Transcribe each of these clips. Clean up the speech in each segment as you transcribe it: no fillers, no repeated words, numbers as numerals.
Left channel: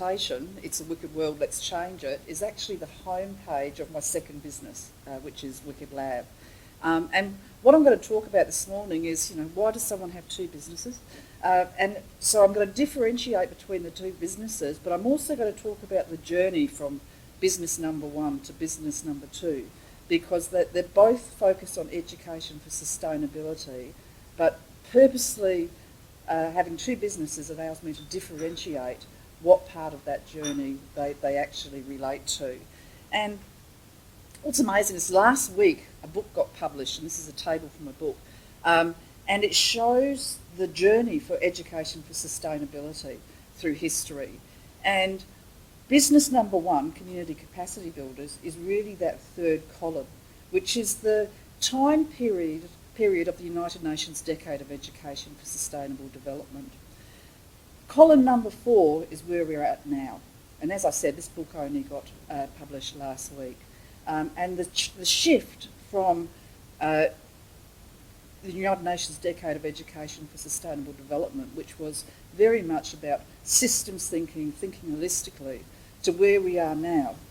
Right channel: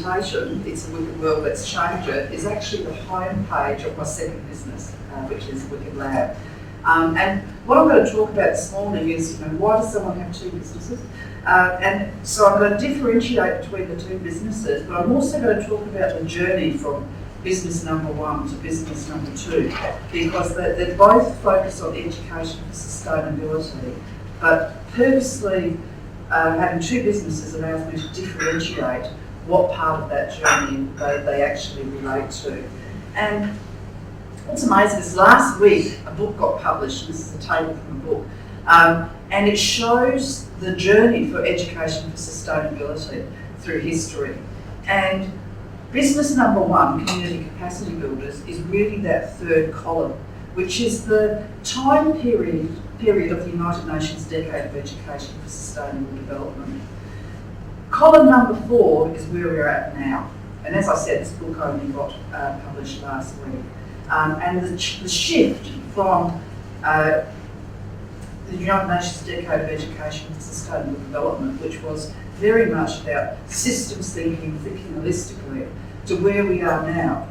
presentation, It's a Wicked World, Let's Change It, is actually the homepage of my second business, which is Wicked Lab. And what I'm going to talk about this morning is, why does someone have two businesses? And so I'm going to differentiate between the two businesses, but I'm also going to talk about the journey from business number one to business number two, because they both focus on education for sustainability, but purposely having two businesses allows me to differentiate what part of that journey they actually relate to. And what's amazing is last week a book got published. This is a table from a book, and it shows the journey for education for sustainability through history. And business number one, community capacity builders, is really that third column, which is the time period of the United Nations Decade of Education for Sustainable Development. Column number 4 is where we're at now. And as I said, this book only got published last week. And the shift from the United Nations Decade of Education for Sustainable Development, which was very much about systems thinking holistically, to where we are now,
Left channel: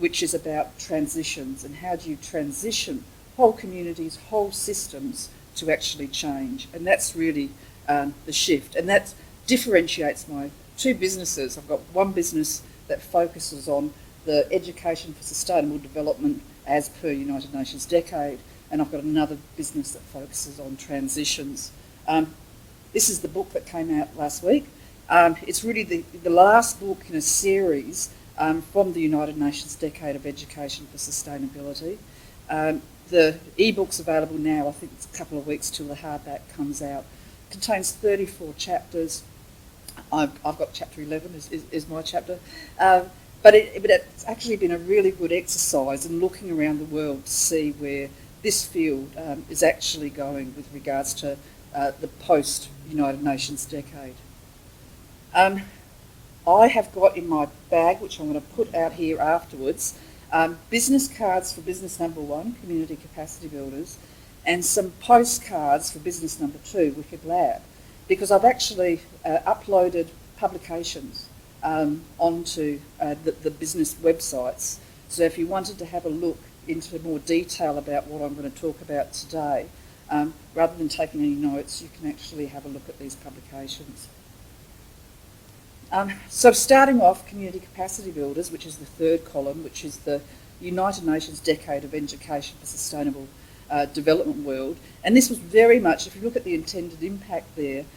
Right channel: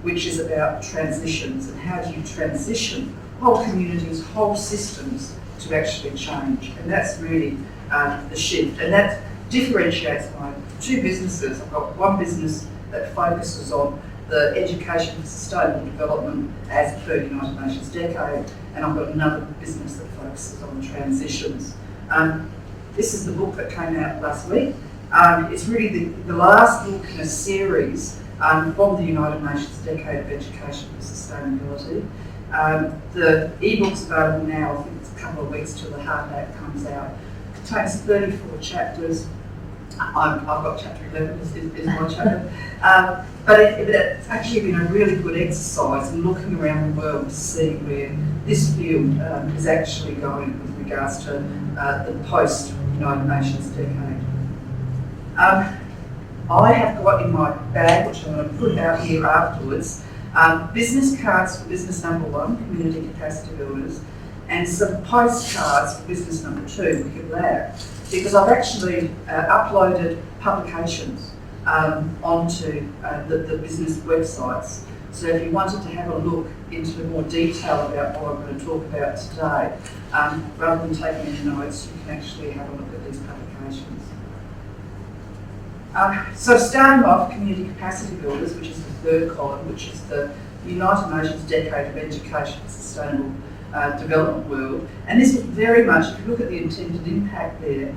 which is about transitions and how do you transition whole communities, whole systems to actually change. And that's really the shift. And that differentiates my two businesses. I've got one business that focuses on the education for sustainable development as per United Nations Decade, and I've got another business that focuses on transitions. This is the book that came out last week. It's really the last book in a series from the United Nations Decade of Education for Sustainability. The e-book's available now. I think it's a couple of weeks till the hardback comes out. It contains 34 chapters. I've got chapter 11 is my chapter. But it's actually been a really good exercise in looking around the world to see where this field is actually going with regards to the post-United Nations Decade. I have got in my bag, which I'm going to put out here afterwards, business cards for business number one, community capacity builders, and some postcards for business number two, Wicked Lab, because I've actually uploaded publications onto the business websites. So if you wanted to have a look into more detail about what I'm going to talk about today, rather than taking any notes, you can actually have a look at these publications. So starting off, community capacity builders, which is the third column, which is the United Nations Decade of Education for Sustainable Development world. And this is very much, if you look at the intended impact there,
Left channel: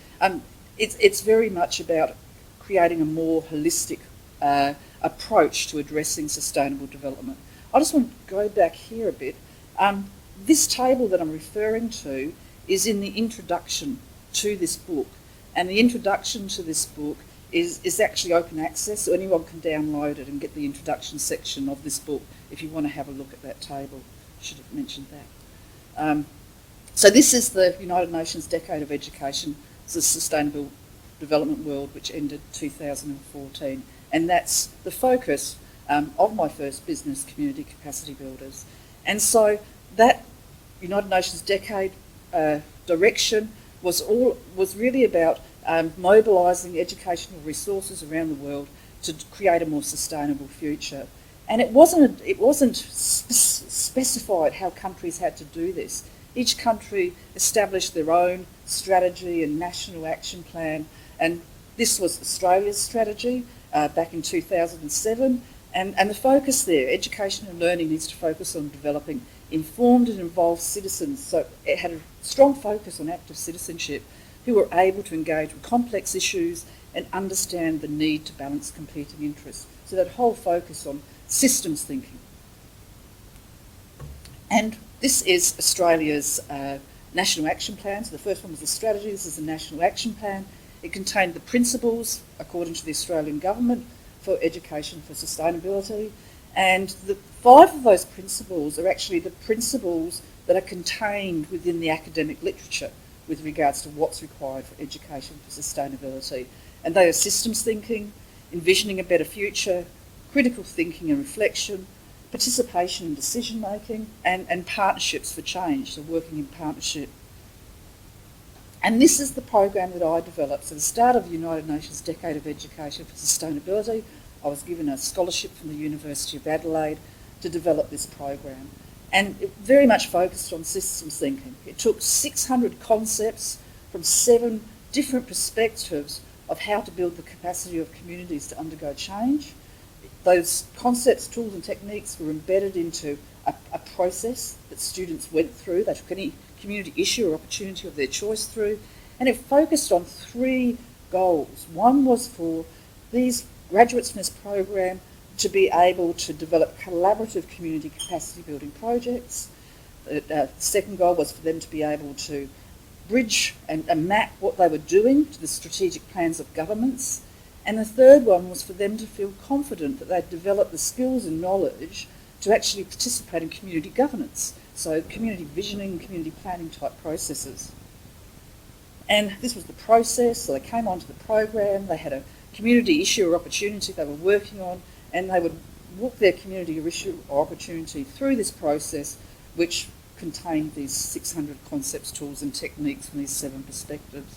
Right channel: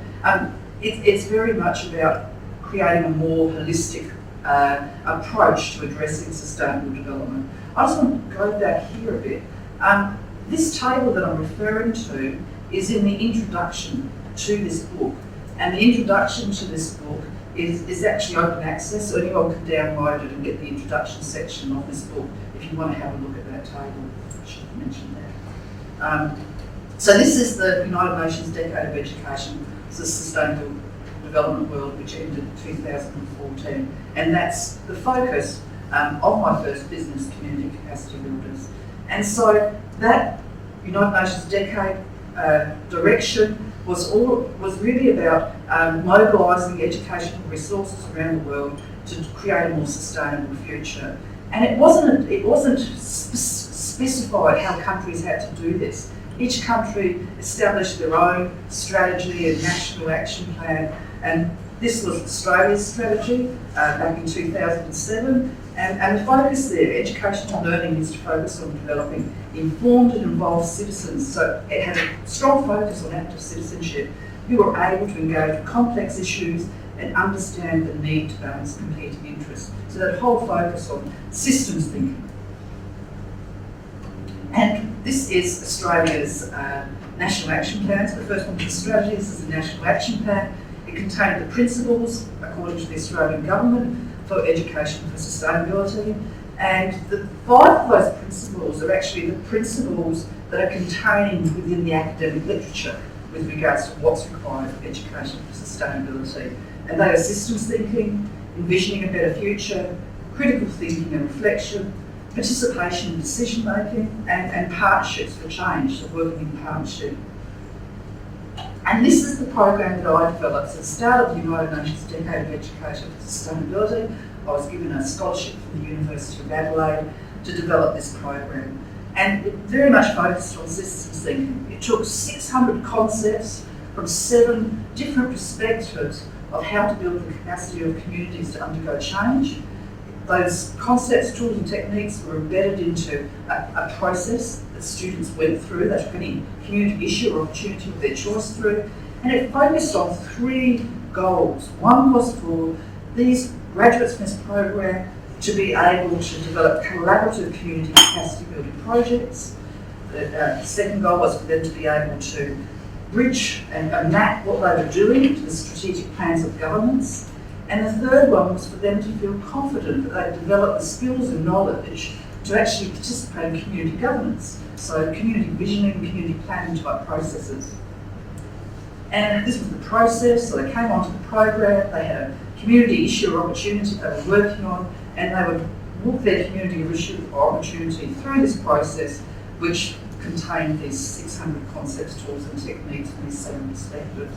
it's very much about creating a more holistic approach to addressing sustainable development. I just want to go back here a bit. This table that I'm referring to is in the introduction to this book. And the introduction to this book is actually open access. Anyone can download it and get the introduction section of this book if you want to have a look at that table. I should have mentioned that. So this is the United Nations Decade of Education for Sustainable Development world, which ended in 2014. And that's the focus of my first business, community capacity builders. And so that United Nations Decade direction was really about mobilising educational resources around the world to create a more sustainable future. And it wasn't specified how countries had to do this. Each country established their own strategy and national action plan, and this was Australia's strategy back in 2007. And the focus there, education and learning, is to focus on developing informed and involved citizens. So it had a strong focus on active citizenship, who were able to engage with complex issues and understand the need to balance competing interests. So that whole focus on systems thinking. And this is Australia's National Action Plan. So the first one for strategies is the National Action Plan. It contained the principles, according to the Australian Government, for education for sustainability. And the 5 of those principles are actually the principles that are contained within the academic literature with regards to what's required for education for sustainability. And they are systems thinking, envisioning a better future, critical thinking and reflection, participation in decision making, and partnerships for change, so working in partnership. And this is the program that I developed. At the start of the United Nations Decade of Education for Sustainability, I was given a scholarship from the University of Adelaide to develop this program. And it very much focused on systems thinking. It took 600 concepts from 7 different perspectives of how to build the capacity of communities to undergo change. Those concepts, tools and techniques were embedded into a process that students went through. They took any community issue or opportunity of their choice through, and it focused on 3 goals. One was for these graduates in this program to be able to develop collaborative community capacity building projects. The second goal was for them to be able to bridge and map what they were doing to the strategic plans of governance. And the third one was for them to feel confident that they'd developed the skills and knowledge to actually participate in community governance, so community visioning, community planning type processes. And this was the process, so they came onto the program, they had a community issue or opportunity they were working on, and they would walk their community issue or opportunity through this process, which contained these 600 concepts, tools and techniques from these 7 perspectives.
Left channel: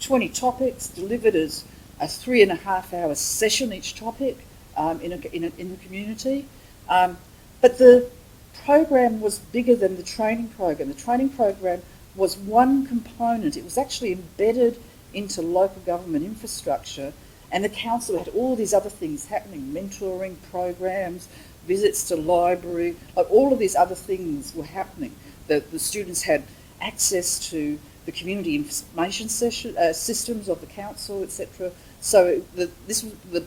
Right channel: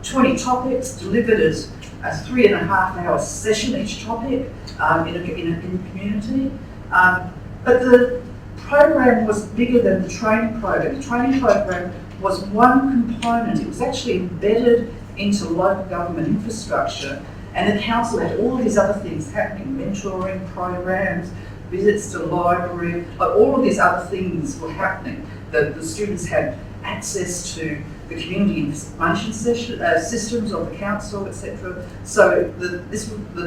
20 topics delivered as a 3.5-hour session each topic in a community. But the program was bigger than the training program. The training program was one component. It was actually embedded into local government infrastructure, and the council had all these other things happening, mentoring programs, visits to library, all of these other things were happening. The students had access to the community information systems of the council, etc. So the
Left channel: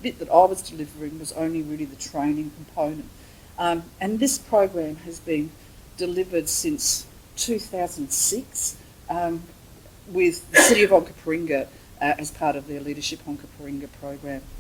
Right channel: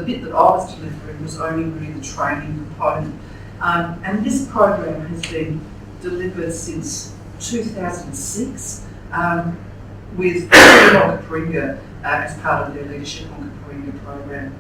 bit that I was delivering was only really the training component. And this program has been delivered since 2006 with Sharon Zivkovic as part of their Leadership on Kaparinga program.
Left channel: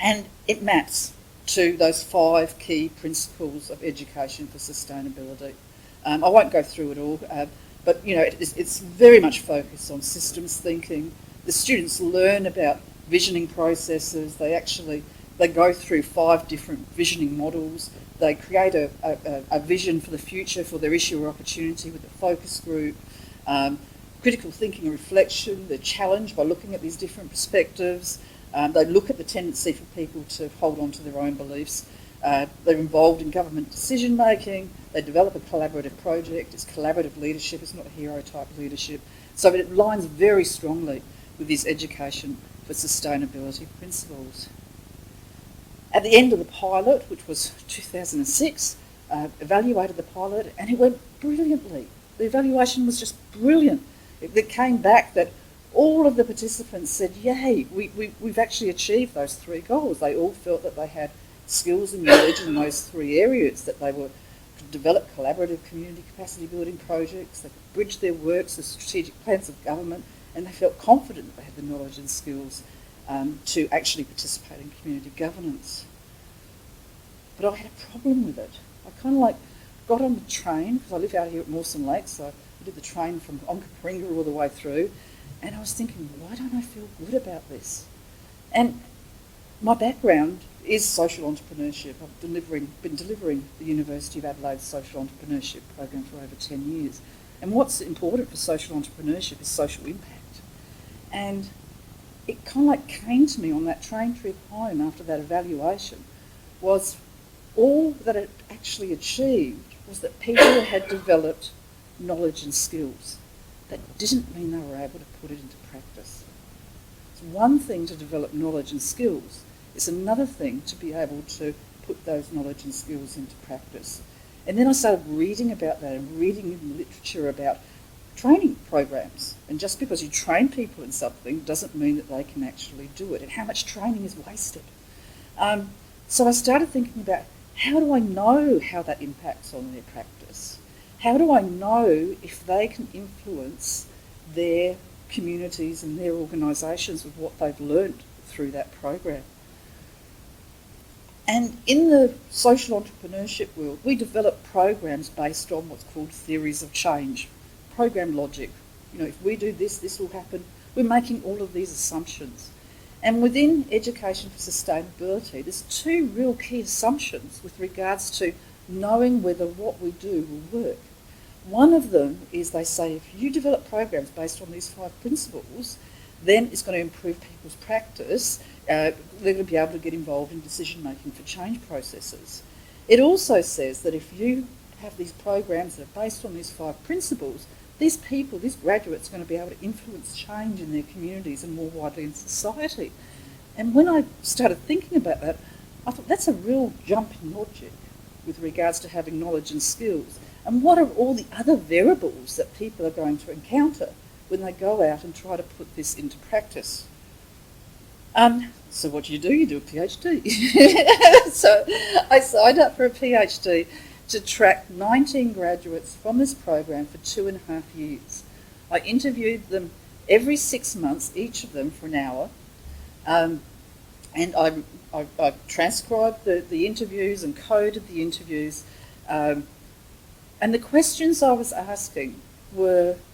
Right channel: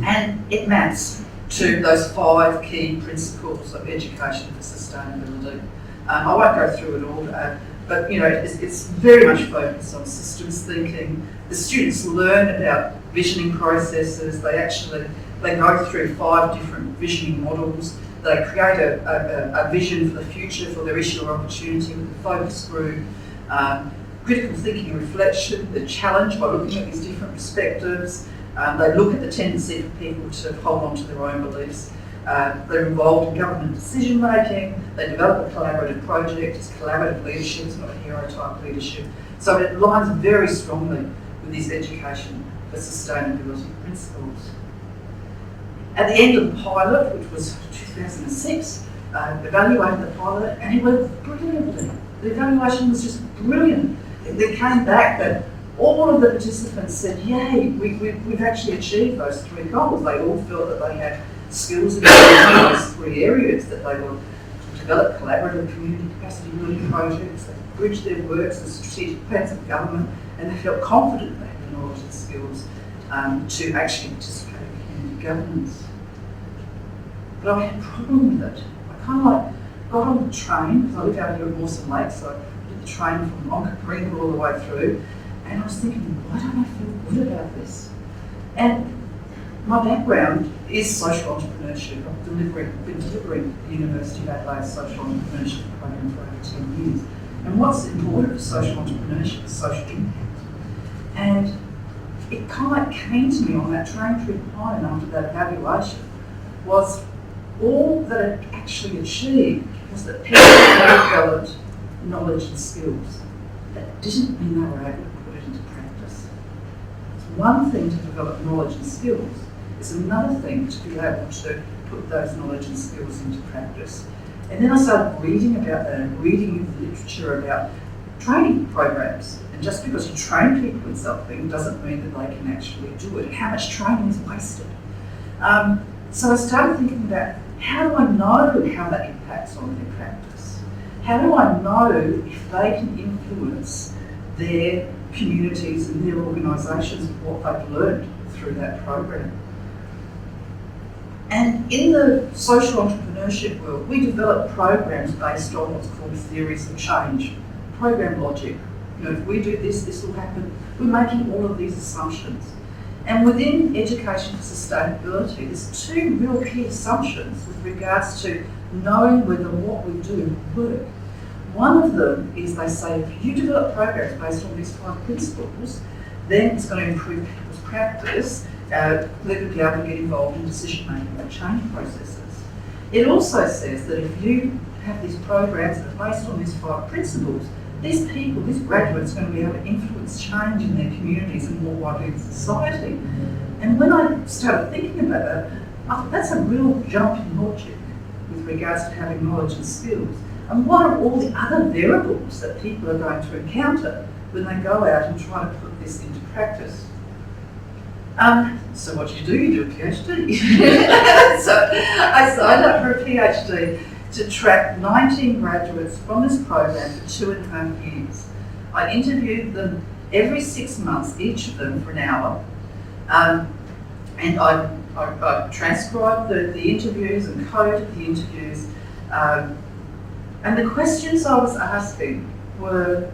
And it maps to those 5 key principles of education for sustainability. I won't go through it all, but it's very much focused on systems thinking. The students learn about visioning processes. They go through 5 different visioning models. They create a vision for the future for their issue or opportunity with the focus group. Critical thinking and reflection, they're challenged by looking at these different perspectives. They look at the tendency for people to hold on to their own beliefs. They're involved in government decision making. They develop a collaborative project. It's collaborative leadership, it's not hero type leadership. So it aligns very strongly with this education for sustainability principles. At the end of the pilot, which was 2006, evaluated the pilot, and it went brilliantly. The evaluation was just brilliant. It came back that all of the participants said, yay, we've actually achieved those 3 goals. They all felt that they had skills in those 3 areas, that they would develop collaborative community capacity building projects, that bridge their works and strategic plans of government, and they felt confident they had the knowledge and skills to actually participate in community governance. But I had a problem with it. I kind of got on the train, because I live out here in Mawson Lake, so I did the train from Kaparinga all the way through, and I was thinking, why don't I feel good about this? And my background is social entrepreneurship. I've been delivering the University of Adelaide social entrepreneurship program for over 10 years. And what's important for social entrepreneurship is social impact. And it kind of came to me on that train trip home after that evaluation was all that it actually achieved was that people developed knowledge and skills. That didn't mean they were able to put it into practice. It's one thing to develop knowledge and skills. It's another thing to be able to put those knowledge and skills into practice. And then I started reading about that and reading literature about training programs. And just because you train people in something doesn't mean that they can actually do it. How much training is wasted? So I started thinking about, how do I know how that impacts on their practice? How do I know if they can influence their communities and their organisations with what they've learned through that program? And in the social entrepreneurship world, we develop programs based on what's called theories of change, program logic. If we do this, this will happen. We're making all of these assumptions. And within education for sustainability, there's 2 real key assumptions with regards to knowing whether what we do will work. one of them is they say if you develop programs based on these 5 principles, then it's going to improve people's practice. They'll be able to get involved in decision making for change processes. It also says that if you have these programs that are based on these 5 principles, these people, these graduates, are going to be able to influence change in their communities and more widely in society. And when I started thinking about that, I thought that's a real jump in logic with regards to having knowledge and skills. And what are all the other variables that people are going to encounter when they go out and try to put this into practice? So what do? You do a PhD. So I signed up for a PhD to track 19 graduates from this program for 2.5 years. I interviewed them every 6 months, each of them for an hour, and I transcribed the interviews and coded the interviews. And the questions I was asking were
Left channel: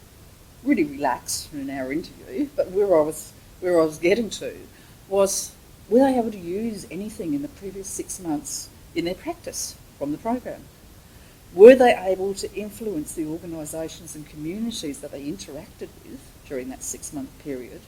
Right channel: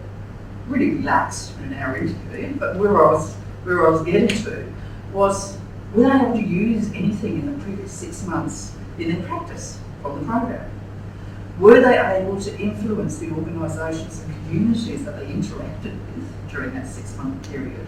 really relaxed in our interview, but where I was getting to was, were they able to use anything in the previous 6 months in their practice from the program? Were they able to influence the organisations and communities that they interacted with during that 6-month period?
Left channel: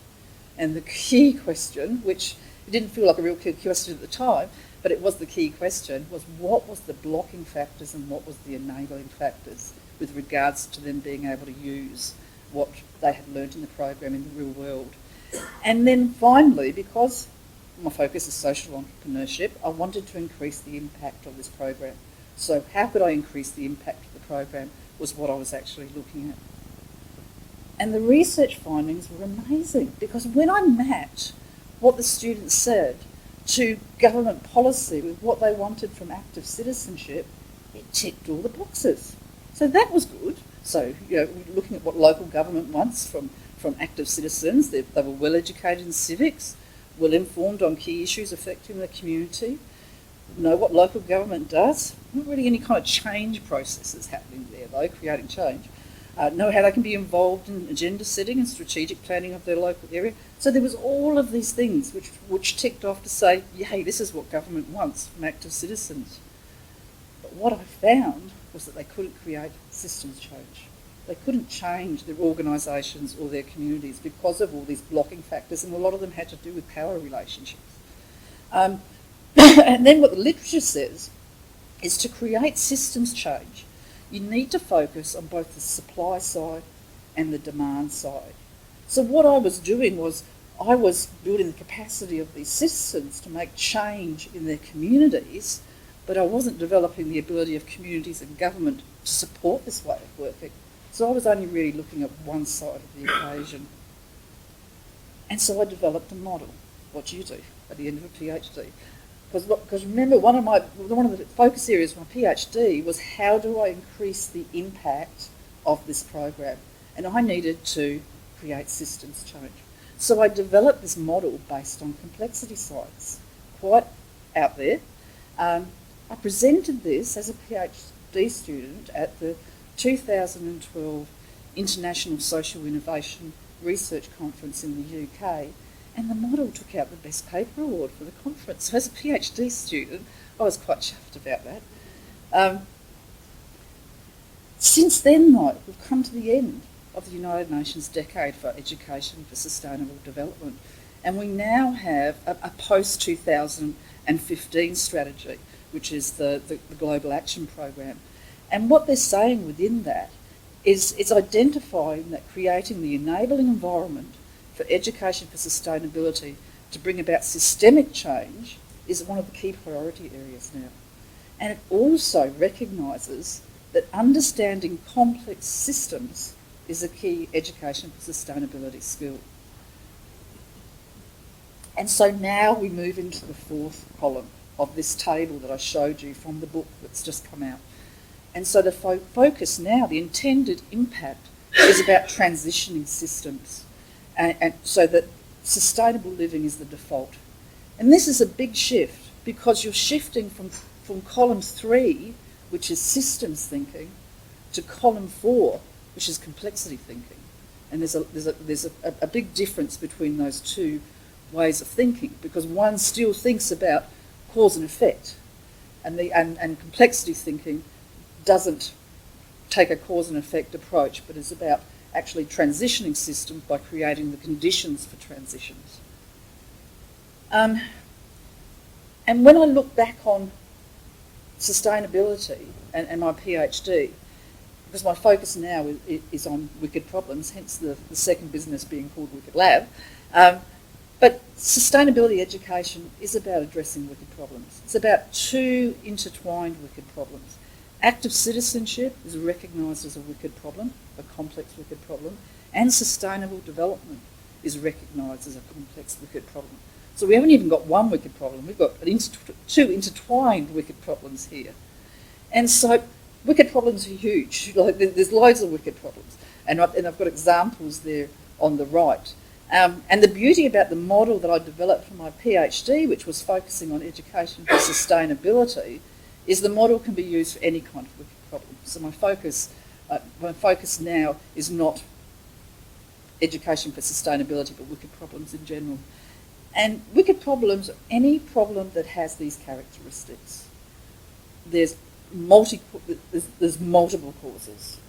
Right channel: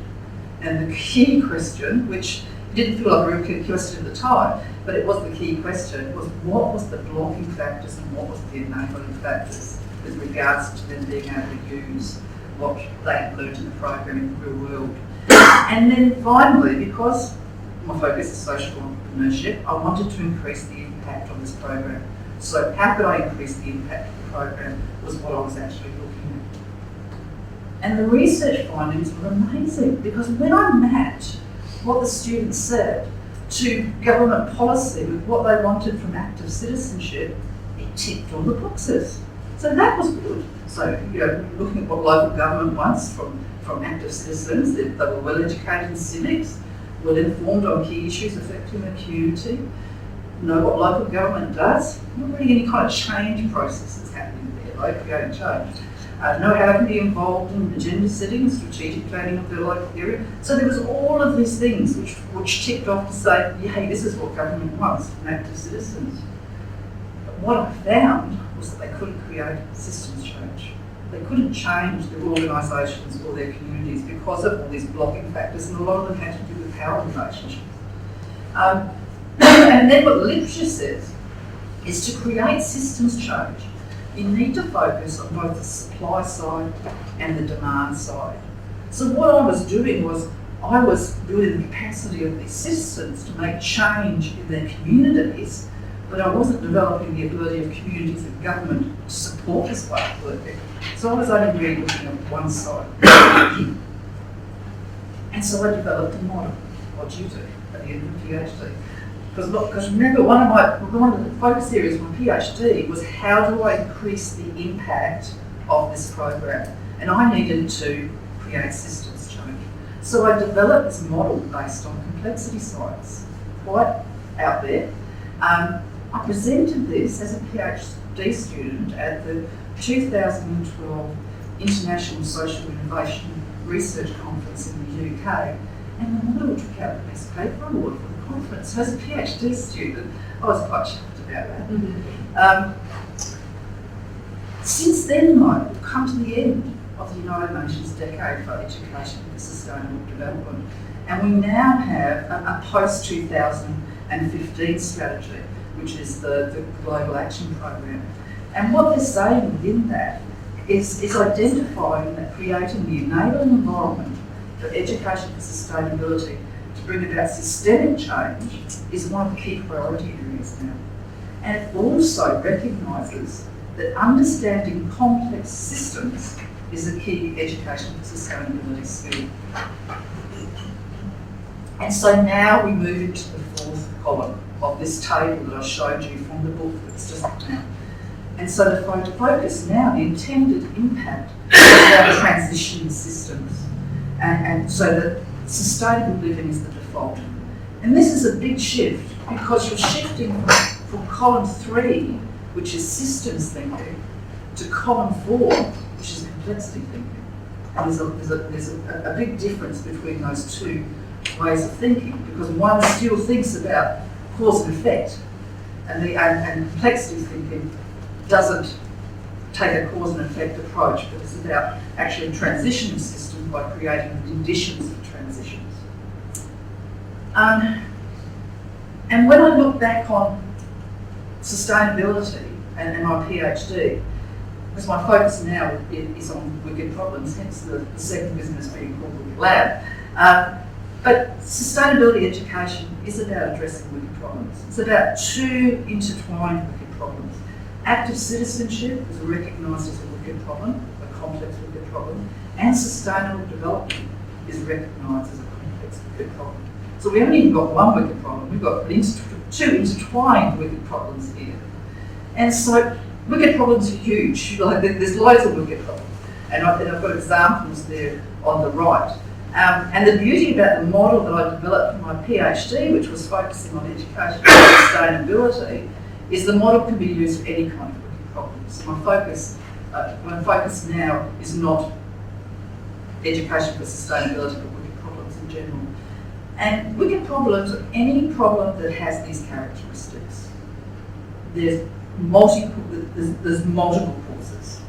And the key question, which didn't feel like a very key question at the time, but it was the key question, was what was the blocking factors and what was the enabling factors with regards to them being able to use what they had learned in the program in the real world. And then finally, because my focus is social entrepreneurship, I wanted to increase the impact of this program. So how could I increase the impact of the program was what I was actually looking at. And the research findings were amazing, because when I matched what the students said to government policy with what they wanted from active citizenship, it ticked all the boxes. So that was good. So, looking at what local government wants from active citizens, they were well educated in civics, well informed on key issues affecting the community, know what local government does, not really any kind of change process that's happening there, like creating change. Know how they can be involved in agenda setting, strategic planning of their local area. So there was all of these things which ticked off to say, hey, this is what government wants from active citizens. But what I found was that they couldn't create systems change. They couldn't change their organisations or their communities because of all these blocking factors, and a lot of them had to do with power relationships. And then what literature says is to create systems change, you need to focus on both the supply side and the demand side. So what I was doing was I was building the capacity of these systems to make change in their communities, but I wasn't developing the ability of communities and government to support this way of working. So I was only really looking at one side. And so I developed a model. What do you do at the end of the PhD? Because remember, one of the focus areas of my PhD was how do I increase the impact of this program? And I needed to create systems change. So I developed this model based on complexity science, quite out there. I presented this as a PhD student at the 2012 International Social Innovation Research Conference in the UK, and the model took out the Best Paper Award for the conference. So as a PhD student, I was quite shocked about that. Mm-hmm. Since then, though, we've come to the end of the United Nations Decade for Education for Sustainable Development, and we now have a post-2015 strategy, which is the Global Action Program. And what they're saying within that is it's identifying that creating the enabling environment for education for sustainability to bring about systemic change is one of the key priority areas now. And it also recognises that understanding complex systems is a key education for sustainability skill. And so now we move into the fourth column of this table that I showed you from the book that's just come out. And so the focus now, the intended impact, is about transitioning systems. And so that sustainable living is the default. And this is a big shift because you're shifting from column 3, which is systems thinking, to column 4, which is complexity thinking. And there's a big difference between those two ways of thinking, because one still thinks about cause and effect, and complexity thinking doesn't take a cause and effect approach, but it's about actually transitioning systems by creating conditions for transitions. And when I look back on sustainability and my PhD, because my focus now is on wicked problems, hence the second business being called Wicked Lab. But sustainability education is about addressing wicked problems. It's about two intertwined wicked problems. Active citizenship is recognised as a wicked problem, a complex wicked problem, and sustainable development is recognised as a complex wicked problem. So we haven't even got one wicked problem, we've got two intertwined wicked problems here. And so wicked problems are huge. There's loads of wicked problems. And I've got examples there on the right. And the beauty about the model that I developed for my PhD, which was focusing on education and sustainability, is the model can be used for any kind of wicked problem. So my focus now is not education for sustainability, but wicked problems in general. And wicked problems are any problem that has these characteristics. There's multiple causes.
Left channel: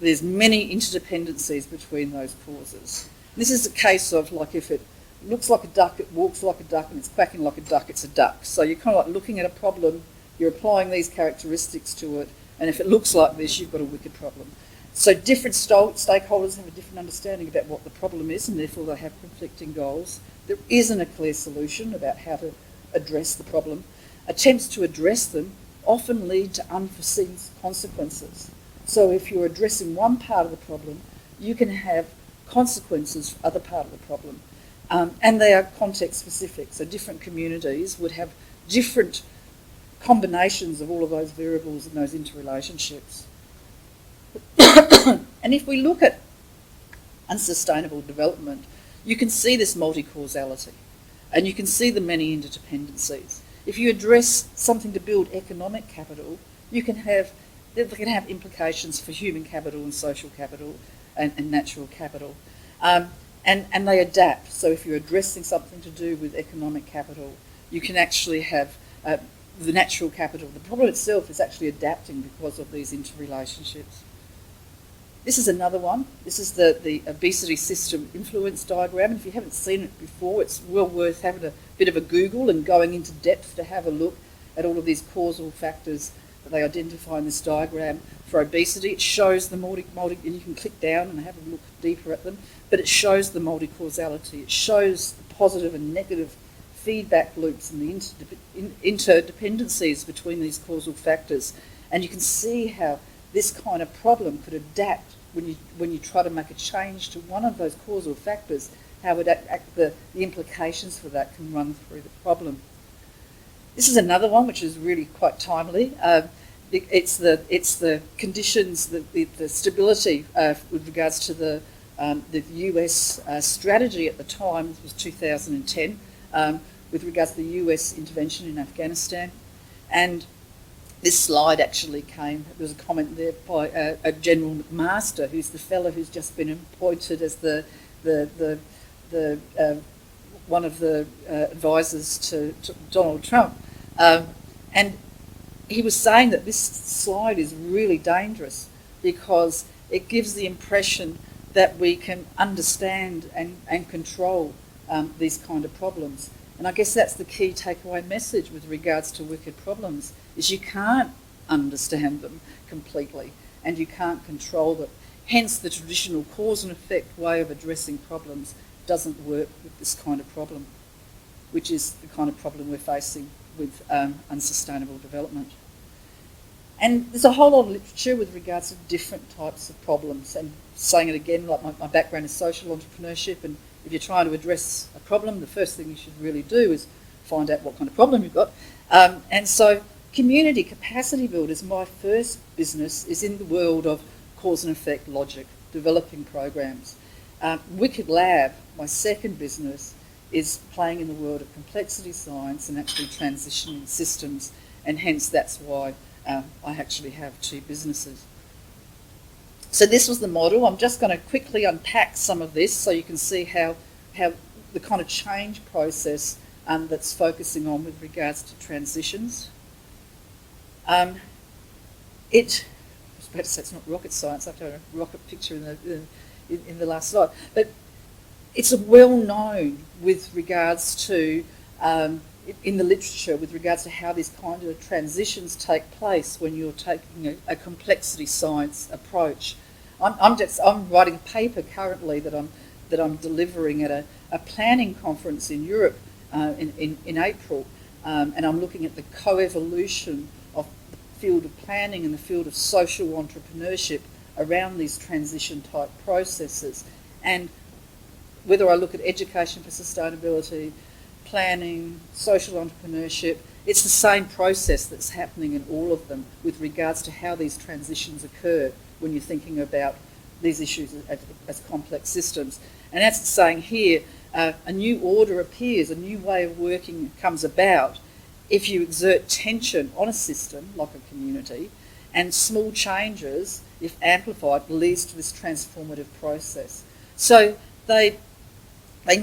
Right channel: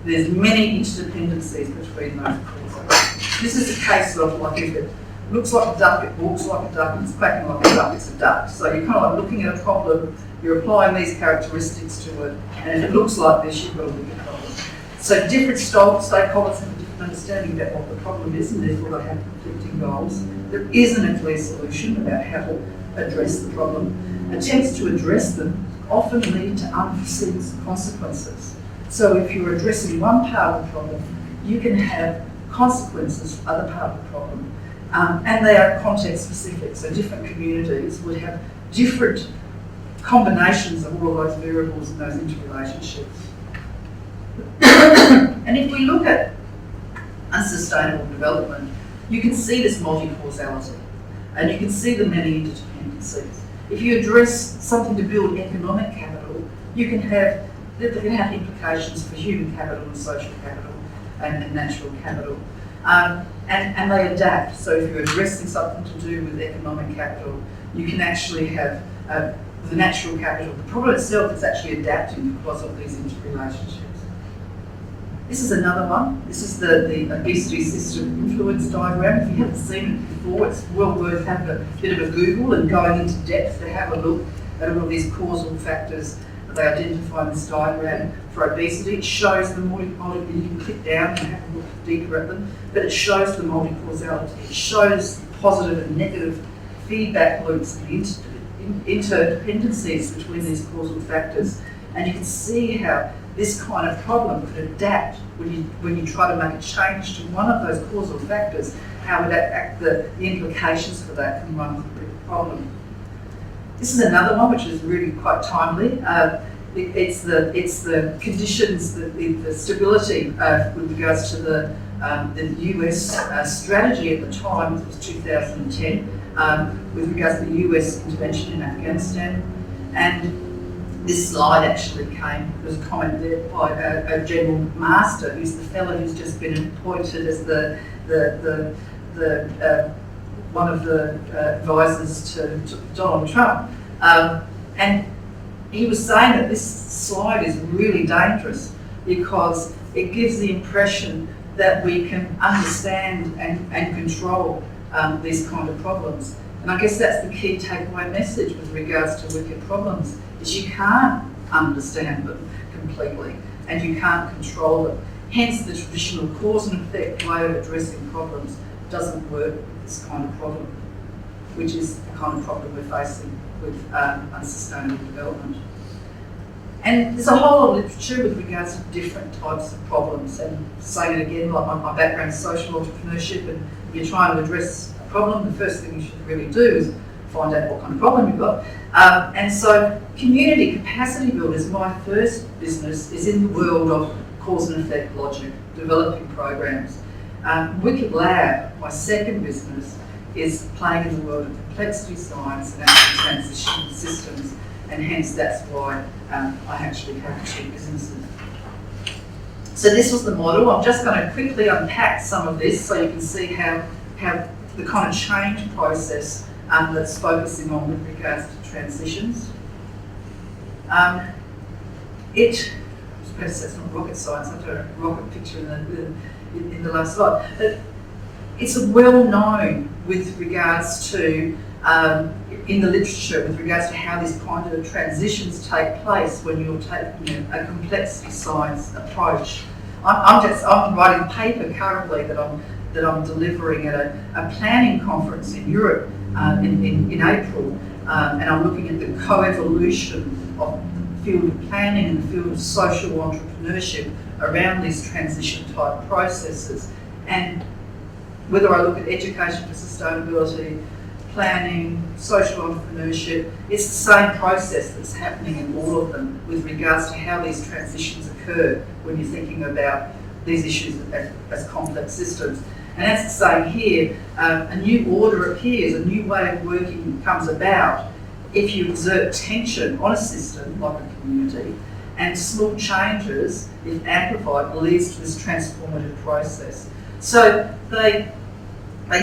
There's many interdependencies between those causes. This is a case of, like, if it looks like a duck, it walks like a duck, it's quacking like a duck, it's a duck. So you're kind of like looking at a problem, you're applying these characteristics to it, and if it looks like this, you've got a wicked problem. So different stakeholders have a different understanding about what the problem is, and therefore they have conflicting goals. There isn't a clear solution about how to address the problem. Attempts to address them often lead to unforeseen consequences. So if you're addressing one part of the problem, you can have consequences for other part of the problem. And they are context specific, so different communities would have different combinations of all of those variables and those interrelationships. And if we look at unsustainable development, you can see this multi-causality, and you can see the many interdependencies. If you address something to build economic capital, it can have implications for human capital and social capital and natural capital. And they adapt. So if you're addressing something to do with economic capital, you can actually have the natural capital. The problem itself is actually adapting because of these interrelationships. This is another one. This is the obesity system influence diagram. If you haven't seen it before, it's well worth having a bit of a Google and going into depth to have a look at all of these causal factors they identify in this diagram for obesity. It shows the you can click down and have a look deeper at them, but it shows the multi-causality. It shows positive and negative feedback loops and the interdependencies between these causal factors. And you can see how this kind of problem could adapt when you try to make a change to one of those causal factors, how the implications for that can run through the problem. This is another one which is really quite timely. It's the conditions, the stability with regards to the US strategy at the time, it was 2010, with regards to the US intervention in Afghanistan. And this slide actually there was a comment there by a general master, who's the fellow who's just been appointed as one of the advisors to Donald Trump. And he was saying that this slide is really dangerous because it gives the impression that we can understand and control these kind of problems. And I guess that's the key takeaway message with regards to wicked problems, is you can't understand them completely and you can't control them. Hence the traditional cause and effect way of addressing problems doesn't work with this kind of problem, which is the kind of problem we're facing with unsustainable development. And there's a whole lot of literature with regards to different types of problems, and saying it again, like my background is social entrepreneurship, and if you're trying to address a problem, the first thing you should really do is find out what kind of problem you've got. And so community capacity builders, my first business, is in the world of cause and effect logic, developing programs. Wicked Lab, my second business, is playing in the world of complexity science and actual transition systems, and hence that's why I actually have two businesses. So this was the model. I'm just going to quickly unpack some of this so you can see how the kind of change process that's focusing on with regards to transitions. It perhaps that's not rocket science, I don't know, rocket picture in the last slide, but it's well known with regards to, in the literature, with regards to how these kind of transitions take place when you're taking a complexity science approach. I'm writing a paper currently that I'm delivering at a planning conference in Europe in April, and I'm looking at the co-evolution of the field of planning and the field of social entrepreneurship around these transition type processes. And whether I look at education for sustainability, planning, social entrepreneurship, it's the same process that's happening in all of them with regards to how these transitions occur when you're thinking about these issues as complex systems. And as it's saying here, a new order appears, a new way of working comes about if you exert tension on a system, like a community, and small changes, if amplified, leads to this transformative process. So they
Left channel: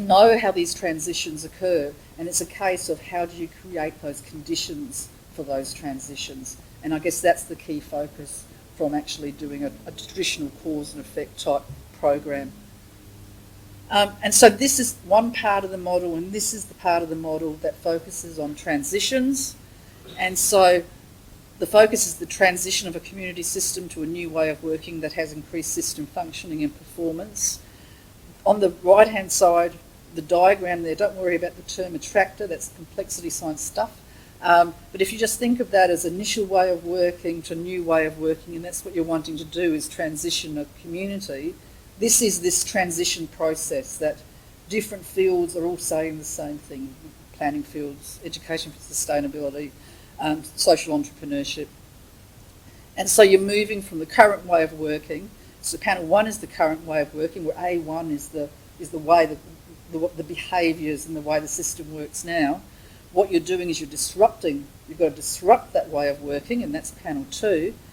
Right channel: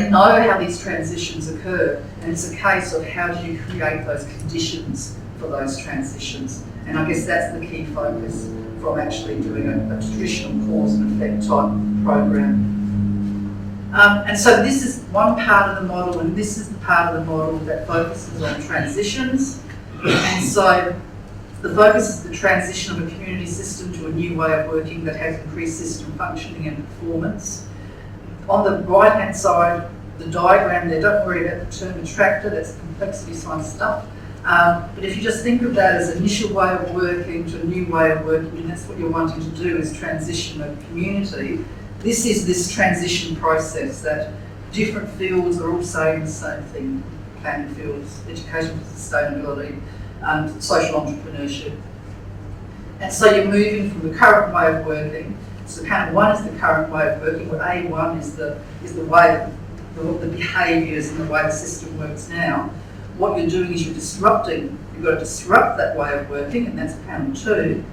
know how these transitions occur, and it's a case of how do you create those conditions for those transitions. And I guess that's the key focus from actually doing a traditional cause and effect type program. And so this is one part of the model, and this is the part of the model that focuses on transitions. And so the focus is the transition of a community system to a new way of working that has increased system functioning and performance. On the right-hand side, the diagram there, don't worry about the term attractor, that's complexity science stuff. But if you just think of that as an initial way of working to a new way of working, and that's what you're wanting to do is transition a community, this is this transition process that different fields are all saying the same thing. Planning fields, education for sustainability, social entrepreneurship. And so you're moving from the current way of working. So count one is the current way of working, or A1 is the way that the behaviours and the way the system works now. What you're doing is you're disrupting. You've got to disrupt that way of working, and that's panel 2.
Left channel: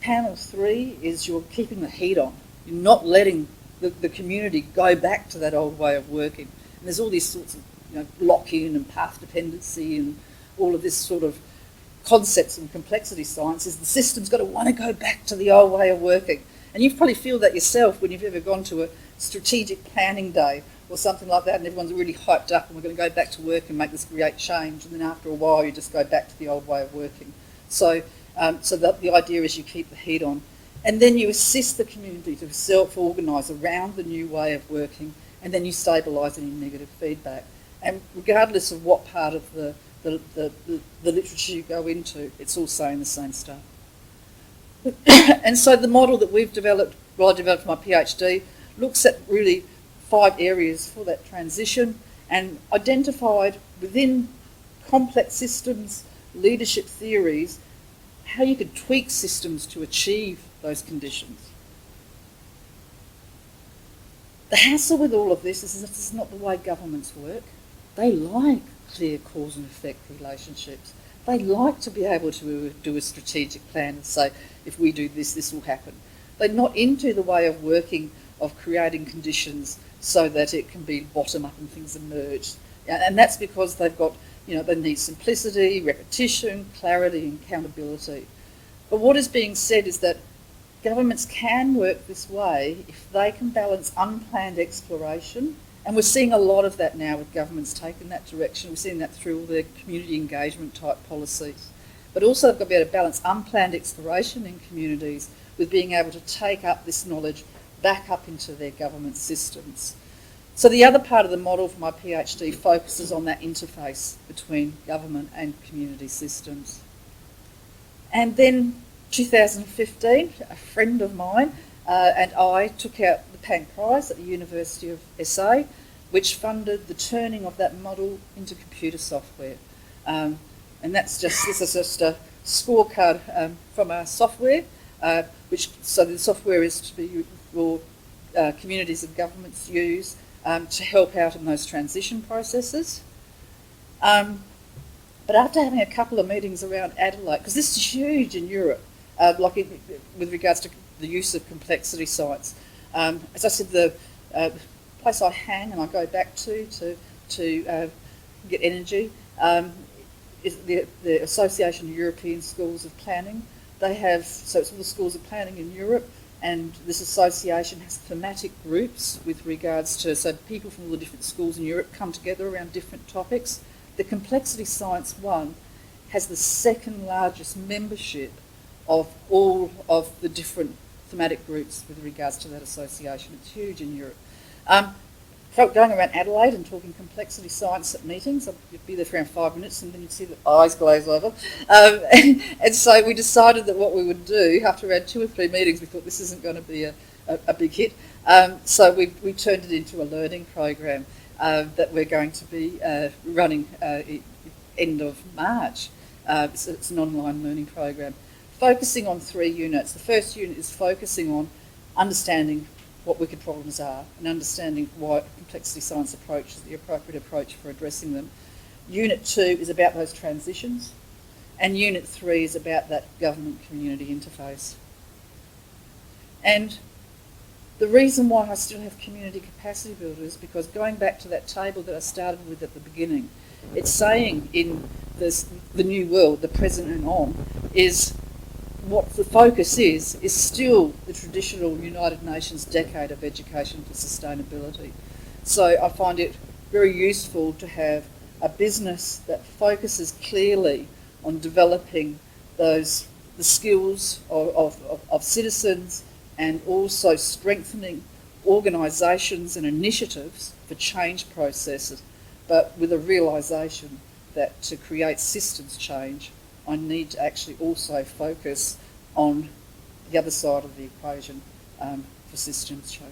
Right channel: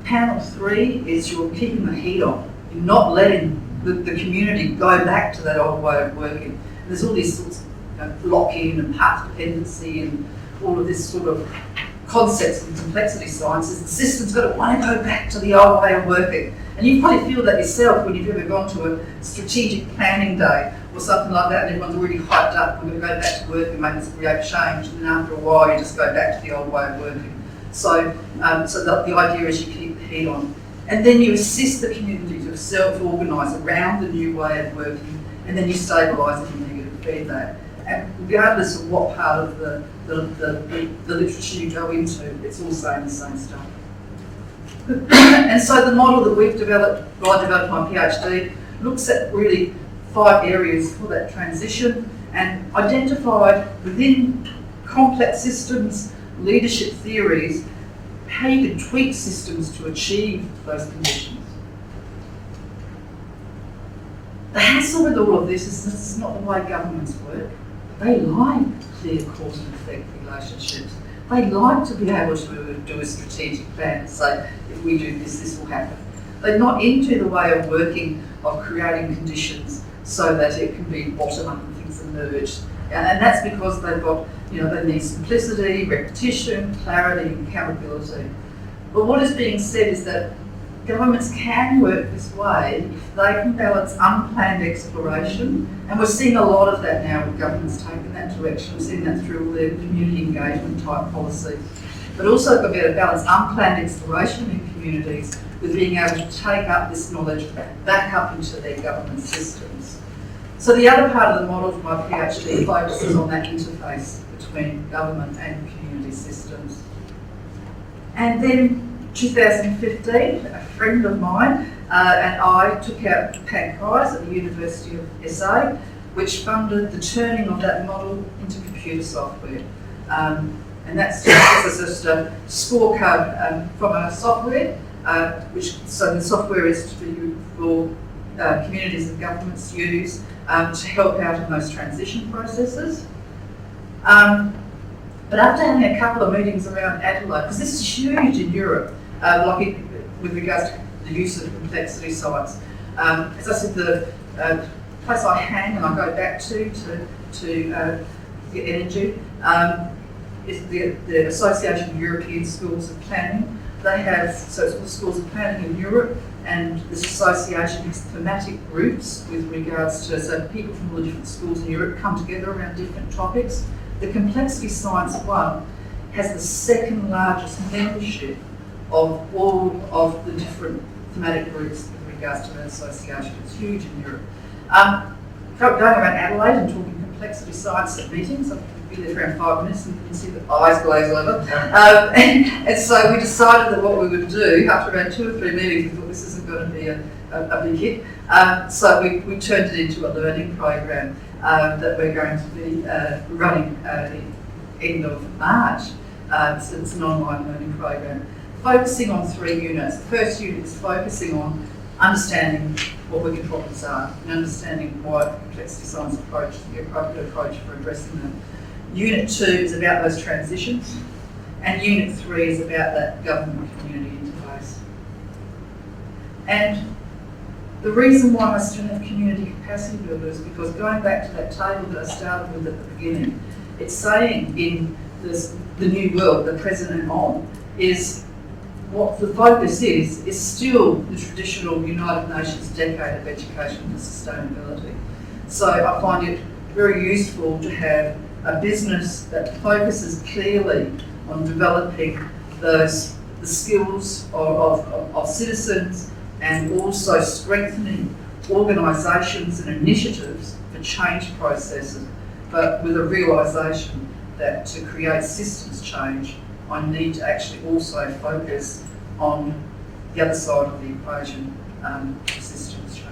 Panel 3 is you're keeping the heat on. You're not letting the community go back to that old way of working. There's all these sorts of blocking and path dependency and all of this sort of concepts and complexity sciences. The system's got to want to go back to the old way of working. And you probably feel that yourself when you've ever gone to a strategic planning day or something like that, and everyone's really hyped up, we're going to go back to work and make this great change, and after a while you just go back to the old way of working. So the idea is you keep the heat on. And then you assist the community to self-organise around the new way of working, and then you stabilise any negative feedback. And regardless of what part of the literature you go into, it's all saying the same stuff. And so the model that we've developed, well, I developed my PhD, looks at really 5 areas for that transition and identified within complex systems, leadership theories, how you can tweak systems to achieve those conditions. The hassle with all of this is it's not the way governments work. They like clear cause and effect relationships. They like to be able to do a strategic plan and say, if we do this, this will happen. They're not into the way of working, of creating conditions so that it can be bottom-up and things emerge. And that's because they've got, they need simplicity, repetition, clarity, and accountability. But what is being said is that governments can work this way if they can balance unplanned exploration, and we're seeing a lot of that now with governments taking that direction. We're seeing that through their community engagement type policies. But also got to be able to balance unplanned exploration in communities with being able to take up this knowledge back up into their government systems. So the other part of the model for my PhD focuses on that interface between government and community systems. And then 2015, a friend of mine and I took out the PAC prize at the University of SA, which funded the turning of that model into computer software. And that's just a scorecard from our software, so the software is for communities and governments use to help out in those transition processes. But after having a couple of meetings around Adelaide, because this is huge in Europe, with regards to the use of complexity science. As I said, the place I go back to get energy is the Association of European Schools of Planning. they have, so it's called Schools of Planning in Europe, and this association has thematic groups with regards to, so people from all the different schools in Europe come together around different topics. The Complexity Science one has the second largest membership of all of the different thematic groups with regards to that association. It's huge in Europe. Going around Adelaide and talking complexity science at meetings, I've been there for around 5 minutes and you can see the eyes glaze over. And so we decided that what we would do, after around 2 or 3 meetings, we thought this isn't going to be a big hit. So we turned it into a learning program that we're going to be running at the end of March. So it's an online learning program, focusing on 3 units. The first unit is focusing on understanding what working problems are and understanding why complexity science approach is the appropriate approach for addressing them. Unit 2 is about those transitions, and Unit 3 is about that government-community interface. And the reason why I still have community capacity builders is because going back to that table that I started with at the beginning, it's saying in the new world, the present and on, is what the focus is still the traditional United Nations decade of education and sustainability. So I find it very useful to have a business that focuses clearly on developing the skills of citizens and also strengthening organisations and initiatives for change processes, but with a realisation that to create systems change, I need to actually also focus on the other side of the equation, systems change.